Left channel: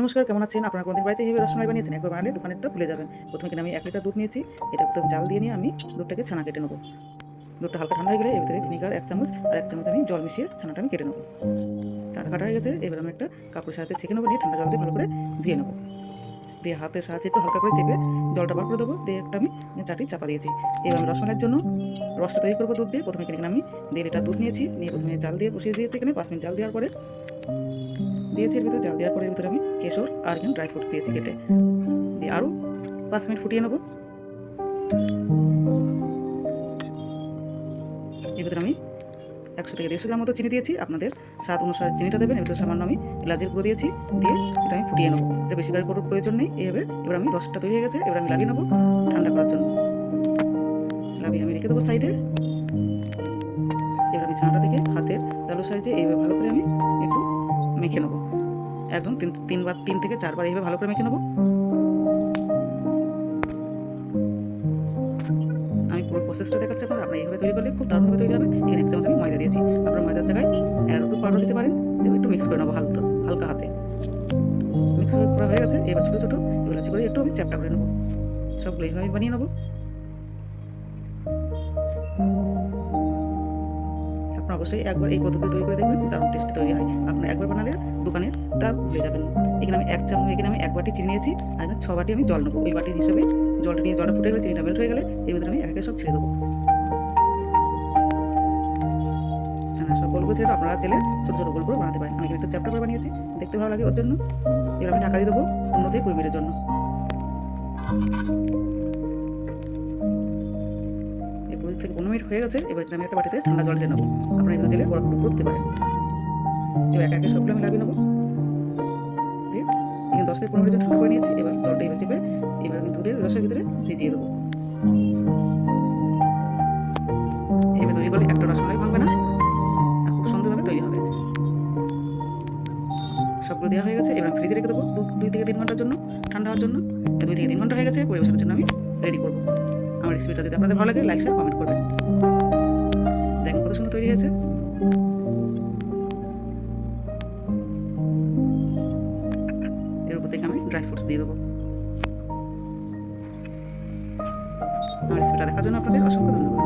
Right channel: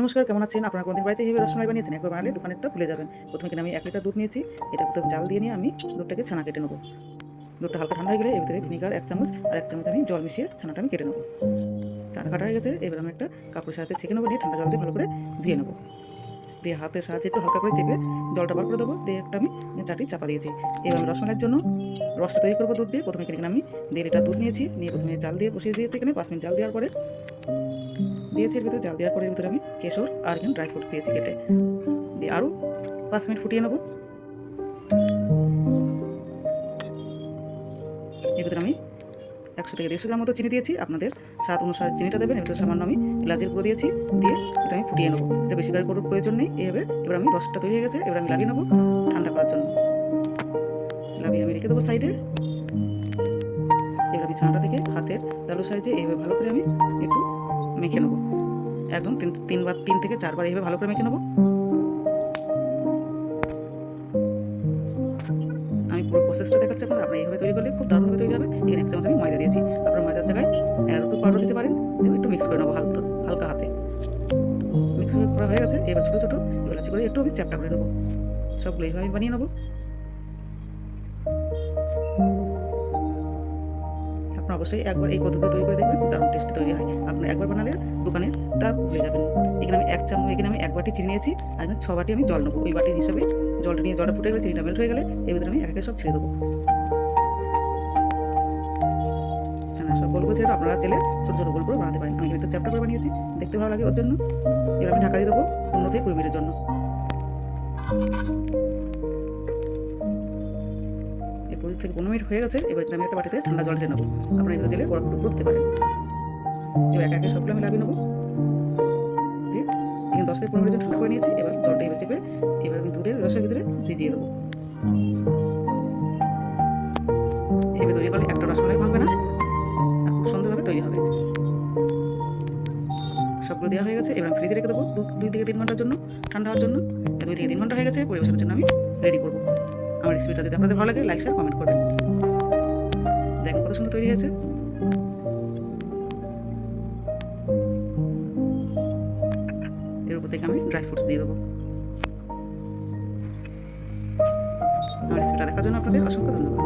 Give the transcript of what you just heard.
নমস্কার, কেমন আছেন? আপনারা কোনদিন বাড়িতে এইভাবে রসমালাই বানিয়েছেন? একবার বানালে দোকানেরটা ভুলে যাবেন। প্রথমে কিনা আমি 1 লিটার দুধ নিয়েছি। এটা প্রথমে জাল দিয়ে নিয়ে আমি দুধটাকে ছানা কেটে নেব। দুধটা হালকা ঠান্ডা হয়ে গেলে এর ভিতরে ভিনিগার 1 চামচ আর 1 চামচ আমি জল মিশিয়ে ছানাটা আমি কেটে নেব। ছানাটা কাটা হয়ে গেছে, এবার আমি একটা কাপড়ের সাহায্যে ছেঁকে নেব, নিয়ে ঠান্ডা জল দিয়ে ভালো করে ধুয়ে নেব। দিয়ে হাতের সাহায্যে একটু হালকা করে চেপে জলটা বার করে দেবো। দিয়ে একটা আমি চাটি চাপা দিয়েছি। এবার আমি রসমালাইয়ের জন্য রসটা তৈরি করবো দুধ দিয়ে। প্রথমে কিনে আমি 1.5 লিটার দুধ নিয়েছি, নিয়ে প্রথমে জাল দিয়ে বসিয়ে দিয়েছি। এখানে 5 মিনিট জাল দেওয়ার পরে দিয়েছি এর ভিতরে, জাল দেওয়ার পরে এর ভিতরে আমি কেশর আর এখানে ড্রাই ফ্রুটস দিয়েছি কেটে। দিয়ে আরও 5 মিনিট ফুটিয়ে নেব। এর ভিতরে আমি 100 থেকে 150 গ্রাম মতো চিনি দিয়েছি। আপনাদের স্বাদ অনুসারে চিনিটা দেবেন। এর ভিতরে সামান্য আমি এলাচের গুঁড়ো দিয়েছি। দিয়ে এটা আমি ফুটিয়ে নেবো। এটা বেশি করে করার প্রয়োজন নেই। এইভাবে এবার আমি রসটা তৈরি হয়ে গেছে, এবার আমি লাগিয়ে নেবো ঠান্ডা করার জন্য। লাভিয়ে আমি রেখে দেবো সাইডে। এবার আমি ছানাটা থেকে হাতের তালুর সাহায্যে এইভাবে ভালো করে আমি একটু মেখে নেবো। একদম 3 থেকে 4 বার এইভাবে ভালো করে মেখে নেবো। আমি পুরো প্রসেসটা দেখাচ্ছি আপনারা এইভাবে তৈরি করলে খুব দারুণভাবে তৈরি হবে। এখানে 1 চামচ আমি ময়দা দিয়েছি। আপনারা ময়দার জায়গায় অ্যারারুট পাউডার দিতে পারেন। দিয়ে একটু মিক্স করে নেবো হালকা হাতে। মিক্স করা হয়ে গেছে। এবার ছোটো ছোটো এলাচি করে একটু আমি চ্যাপটা করে নেবো। সবগুলো এইভাবে আমি বানিয়ে নেবো। আপনারা অবশ্যই একবার এই পদ্ধতিতে তৈরি করে দেখবেন, দারুণ টেস্টি তৈরি হয়। আপনারা একবার বানালে দোকানেরটা ভুলে যাবেন। এখানে আমি 1 বাটি চিনি নিয়েছি, আর এখানে 6 বাটি আমি জল নেবো। ওই বাটির হিসাবে জলটা নিয়ে জলটা ফুটে গেলে চিনিটা মেল্ট হয়ে গেলে এর ভিতরে আমি একে সব ছেড়ে দেবো। সব গোল করে ছেড়ে আপনারা চাইলে ছোটো ছোটো গোল করে বানাতে পারেন। আমি এখানে একটু চ্যাপটা করে বানিয়েছি, দেখতে ভালো লাগে ওর জন্য। এবার আমি ঢাকা দিয়ে দেবো 15 থেকে 20 মিনিটের জন্য। এই 20 থেকে 15 মিনিট হয়ে গেছে। এবার আমি একটা বাটিতে ঠান্ডা জল ঢেলে নেবো। আপনারা এর ভিতরে চাইলে বরফ টুকরো দিতে পারেন। এবার একে সবগুলো আমি লাগিয়ে নেবো। দিয়ে এখানে 10 থেকে 15 মিনিট ঠান্ডা করে নিয়েছি। এবার জলটা এবার চেপে এবার আমি দুধের রসের ভিতরে ভিজিয়ে দেবো। এভাবে তৈরি করলে একটা রসমালাই ভাঙবে না, আর খুব সুন্দরভাবে তৈরি হবে। সবগুলো দেওয়া হয়ে গেছে। এবার আমি ফ্রিজে রেখে দেবো 2 থেকে 3 ঘন্টার জন্য, ঠান্ডা হওয়ার জন্য। 2 থেকে 3 ঘন্টা হয়ে গেছে। পরিবেশনের জন্য আমি রেডি করবো। আমার রেসিপিটা যদি আপনাদের ভালো লাগে, লাইক শেয়ার কমেন্ট করবেন। দেখেন কত সুন্দর তৈরি হয়েছে। এর উপর থেকে আমি ড্রাই ফ্রুটস দিয়ে দেবো। আমার রেসিপিটা দেখার জন্য আপনাদের অসংখ্য ধন্যবাদ।